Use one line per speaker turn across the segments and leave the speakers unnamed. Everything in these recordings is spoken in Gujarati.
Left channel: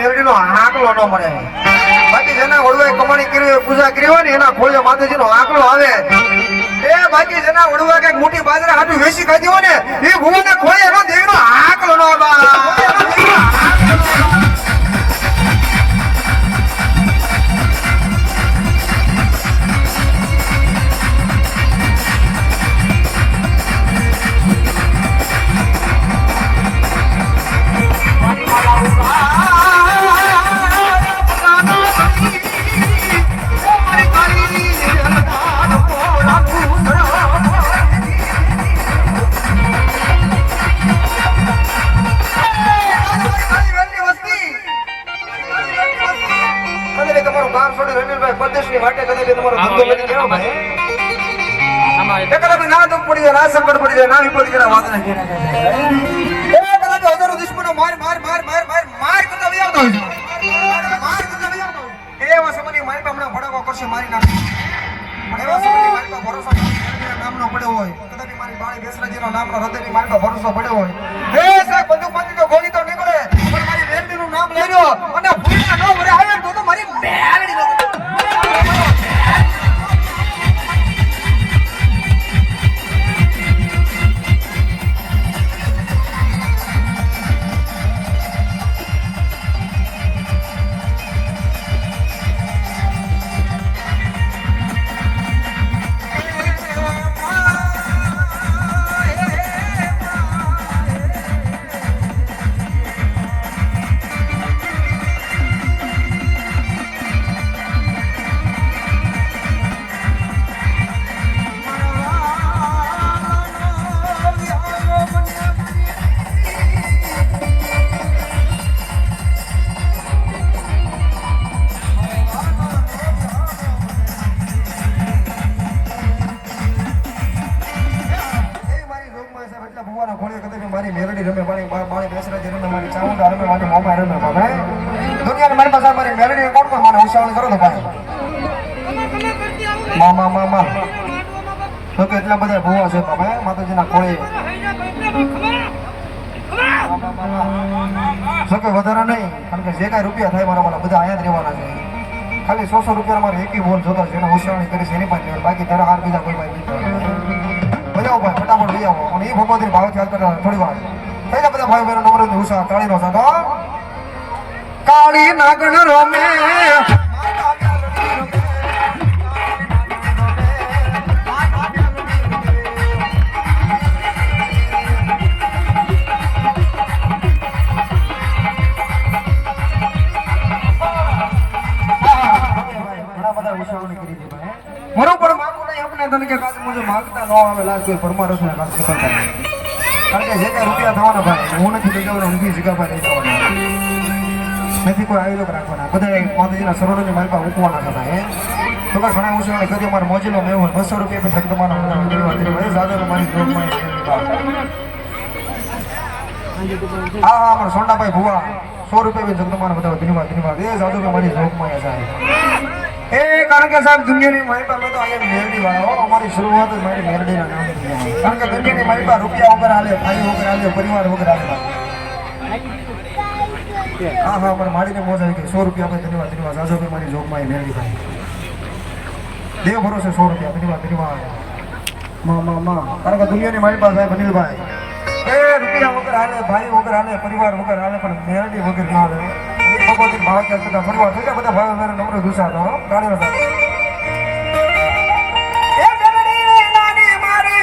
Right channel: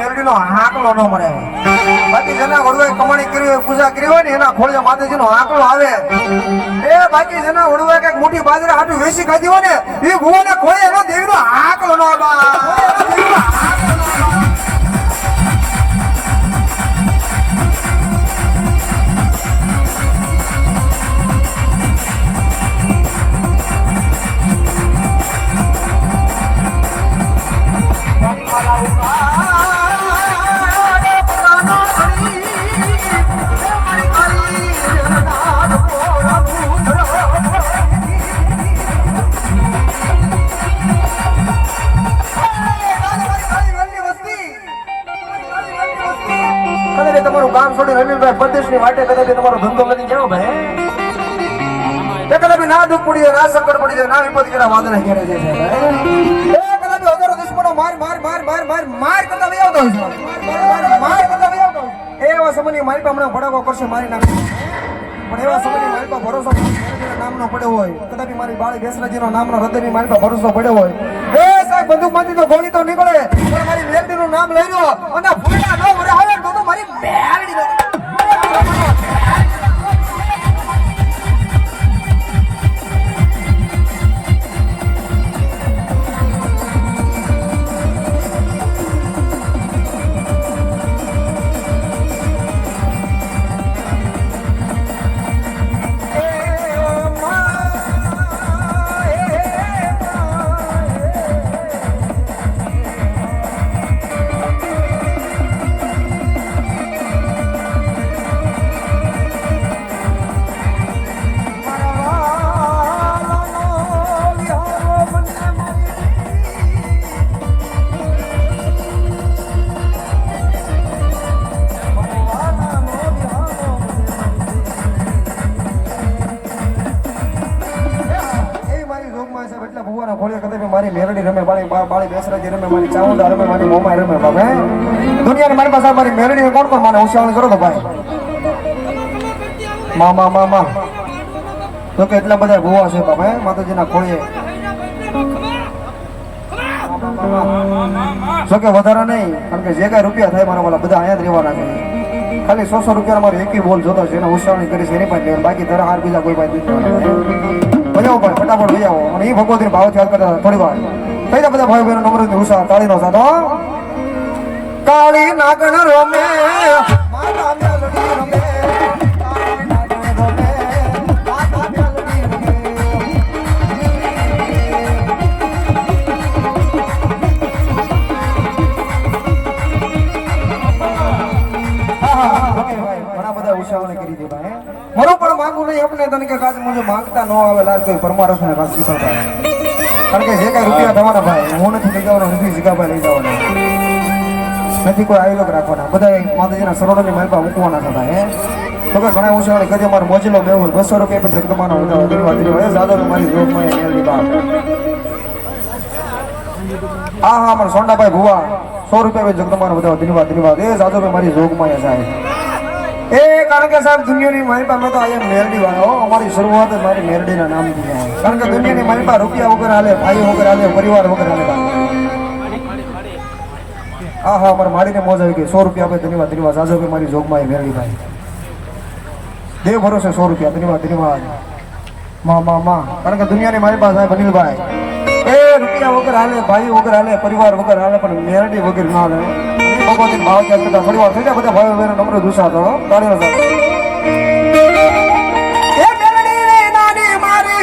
મેરડીનો આંકલો ન મળે. બાકી જેના વડવાએ કમાણી કરી હોય, પૂજા કરી હોય ને, એના ખોળે માતાજીનો આંકડો આવે. એ બાકી જેના વડવાએ કંઈક મોટી બાજરા હાટું વેચી ખાધી હોય ને, એ ભુવાના ખોળે એનો દેવીનો આંકડો ન આવે એવા સમયની મારી પર ભરોસો નામનો પડ્યો હોય કદાચ મારી બાળી બેસરાજીનો નામનો હૃદયની મારી પર ભરોસો પડ્યો હોય સાહેબ બંદૂકમાંથી તો ગોળી તો નીકળે પણ મારી મેરડીનું નામ લઈ રહ્યો અને ભૂલા ન ભરે આવે તો તો મારી ચામુંડા રમે બાપા દુનિયાની મારી પાસે મારી મેલડી કોણ કોણ મારે હોશિયારી કરો ભાઈ? મા મા મા મા. તો કે એટલા બધા ગોવા છે બાપા? માતાજીના ખોળે. જો કે વધારે નહીં, કારણ કે જે કાંઈ રૂપિયા થાય મારા વાળા, બધા અહીંયા જ રહેવાના છે. ખાલી સો સો રૂપિયા મારે એકી બોલ જોતા છે, એને હોશિયારી કરી છે, એની પાસે બાકી ધરા હાર બીજા કોઈ પાસે. બજાવો ભાઈ, ફટાફટ લઈ આવો અને એ ભગવતી ભાવ ખ્યાલ કરતા થોડી વાર. થઈ બધા ભાઈ બહેનો નમ્ર ઉષા તાળીનો સાથ કાળી રમે માતા કાળી નાગણ રમે, બધા મારો પણ માંગુ નહીં આપણે તને કે કાચ મને માંગતા ન આવે લાજ કોઈ પરમારસ ને શીખવતા કારણ કે જે કાંઈ રૂપિયા થવાના ભાઈ, હું નથી લઈ જવાના, નથી જીગાભાઈ લઈ જવાના. નથી કોઈ આયોજક રાખવાના. બધા માતાજીના સરોવરની માહિપા મૂકવાના છે ભાઈ? તો કે ઘણા ઉત્સાહોને કદી મારો મોજીલો મેહુલ બસો રૂપિયા પણ જગતમાનો જાદવ મારી મેળવી બા હા હા મારા સોંડાભાઈ ભુવા, સો રૂપિયા પણ જગદમાન બધા ધન્યવાદ ધન્યવાદ એ જાદવ મારી જોગમાં સાહેબ એ, કારણ કે સાહેબ, દુનિયાની મારી પાસે તો અહીંયા મેરડી વાળા હો. અમારી શરૂઆત જ મારી મેરડીના નામથી. કારણ કે દુનિયાની મારી પાસે રૂપિયા વગર હાલે, ભાઈ વગર હાલે, પરિવાર વગર હાલે. હા હા, અમારે મારીને મોજ આવી ગઈ. સો રૂપિયા આપે, ધન્યવાદ ધન્યવાદ. સાજો કે મારી જોગમાં એ મેરડી ભાઈ દેવ ભરોસે સો રૂપિયા. ધન્યવાદ ધન્યવાદ. માં માં માં. કારણ કે દુનિયાની મારી પાસે અનિલભાઈ એ, રૂપિયા વગર હાલે, ભાઈ વગર હાલે, પરિવાર વગર હાલે, પણ મેરડી વગર ના હાલે. ભગવતી ભાવ ક્યાંક કરતા પરિવાર થઈ જાય, બધા ભાઈ બહેનો નમ્ર ગુસ્સા તો તાળીઓ સાથે મારી મારે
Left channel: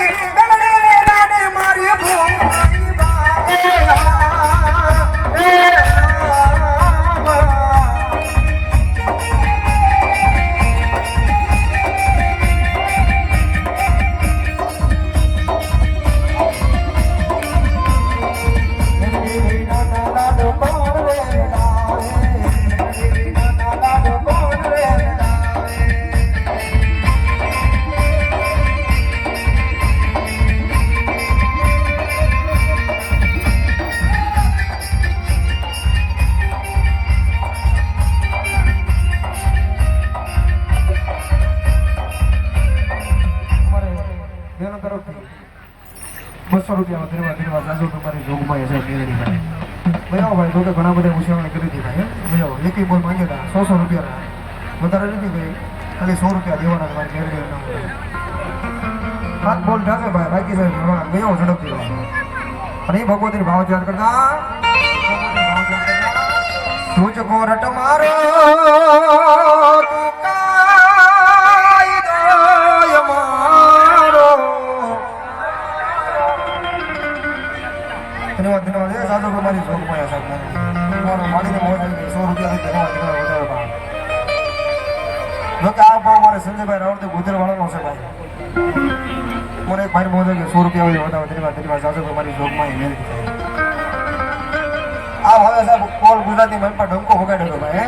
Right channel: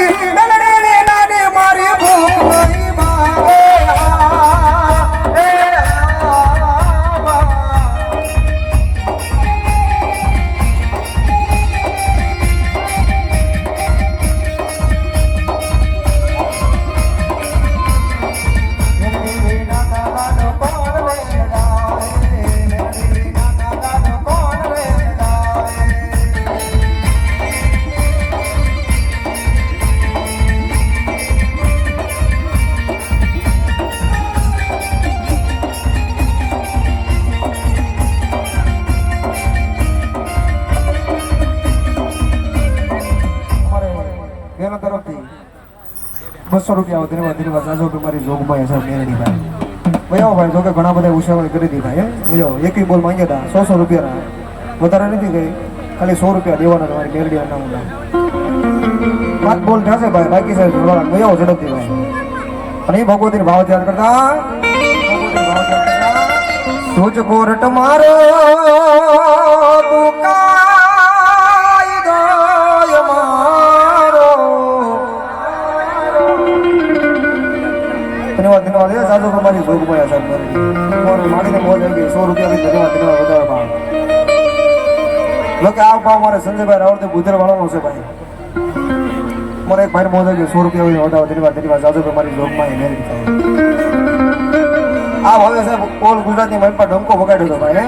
બસો રૂપિયા આવો ધન્યવાદ ચારસો સાસો રૂપિયા મારી જોગમાં સાહેબ મેળડી ભાઈ ભાઈ ભાઈ તો કે ઘણા બધા ઉછાવળ કરી દીધા, હે? મજાઓ એક બોલ માંગ્યા હતા સો સો રૂપિયાના વધારે નથી ગઈ. ખાલી સો રૂપિયા દેવાના તમારી મેળડી અનામત હાથ બોલ થશે ભાઈ, બાકી સાહેબ મજાઓ ઝડપથી ભાઈ અને એ ભગવતી ભાવ ધ્યાન કરતા સુજ કોરટ મારો ધન્યવાદ એ સાધુ કુમારી સાહેબ તમારે માડીને મોજ આવી ગઈ. સો રૂપિયાથી ધન્યવાદ ધન્યવાદ વધારે ભાવ. જો આ ભાવ મારે સંજયભાઈ રાવળથી ગુજર વાળાનો છે ભાઈ. મારે એક ભાઈ મોજ આવી ગઈ. સો રૂપિયા વધારે ધન્યવાદ ધન્યવાદ સાધુ કુમારી જોગમાં એ મેળવી થાય આ હવે સાહેબ, ઓલ ગુજરાતી મન પર ડંકો વગાડ્યો હતો ભાઈ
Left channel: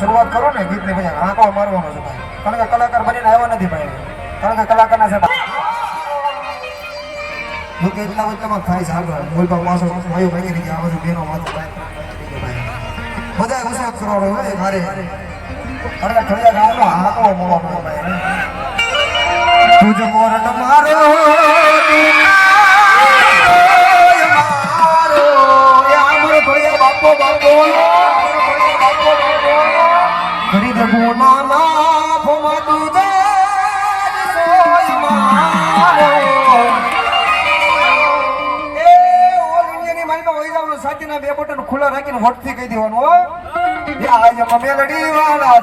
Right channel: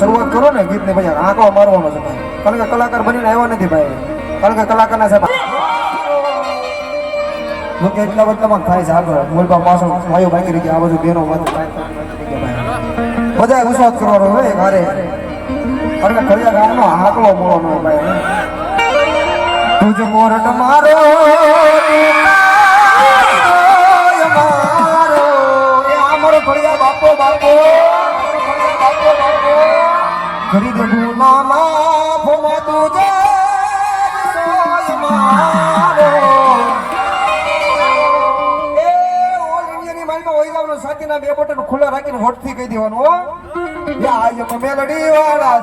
શરૂઆત કરો ને ગીતને, ભાઈ. આંકડો મારવાનો છે ભાઈ. કારણ કે કલાકાર બનીને આવ્યા નથી ભાઈ. કારણ કે કલાકારના સાહેબ હું કે એટલા વચલામાં થાય છે આગળ બોલવા માસો ભાઈઓ બાકી રહી આ બધું બહેનો બધું બધા વિશ્વાસ કરવાનો હોય મારે. અને ખડિયા ગામનો આંકડો મોળો હોય ભાઈ. તુજ મોર મારો મારો ખડિયા બાપો બાપો. સાચીના બે બટન ખુલ્લા રાખીને વટથી કહી દેવાનું હો. મેલડી વાળા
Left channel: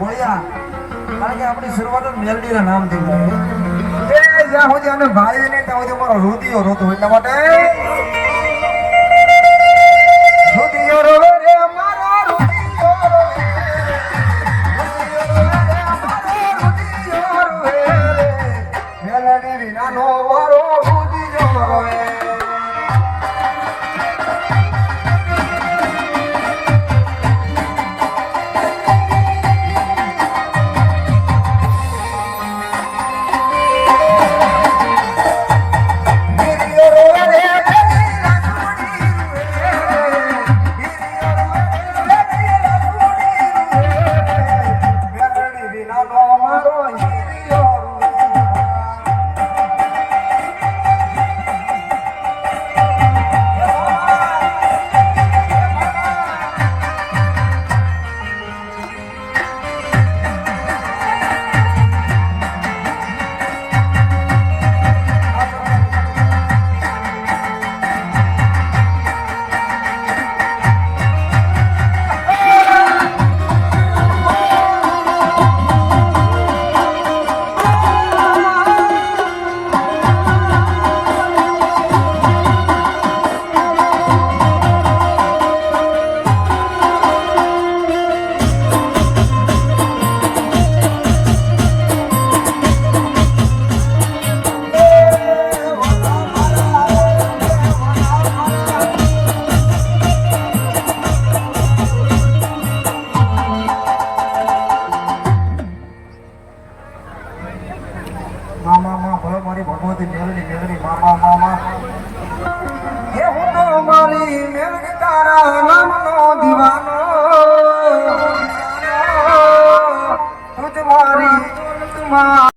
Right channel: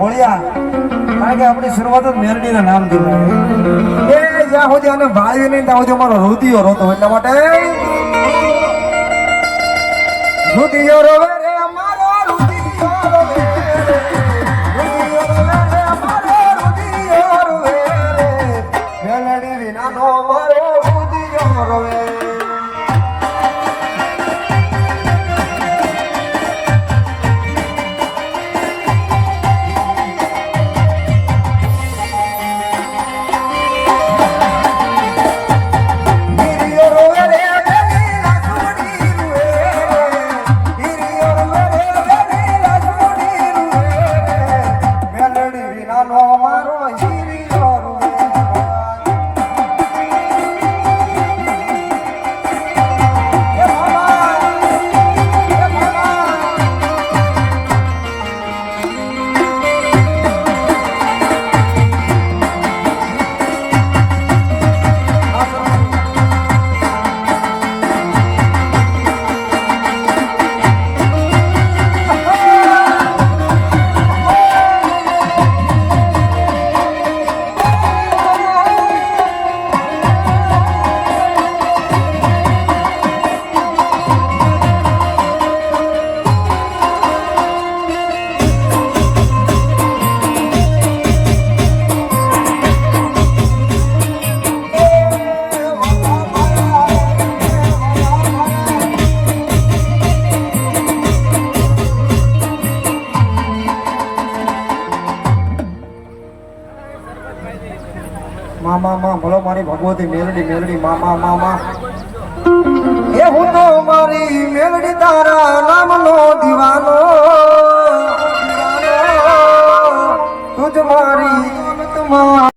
કારણ કે આપણી શરૂઆત જ મેરડીના નામથી. એ જ્યાં સુધી અને ભાળ્યું નહીં, ત્યાં સુધી અમારો રુધિયો રોતો એટલા માટે રુધિયો રોવે મા મા ભલો મારી ભગવતી મેલડી મેલડી મા મા મા મા હે હું તો મારી મેલડી તારા નામનો દીવાનો. તુજ મારી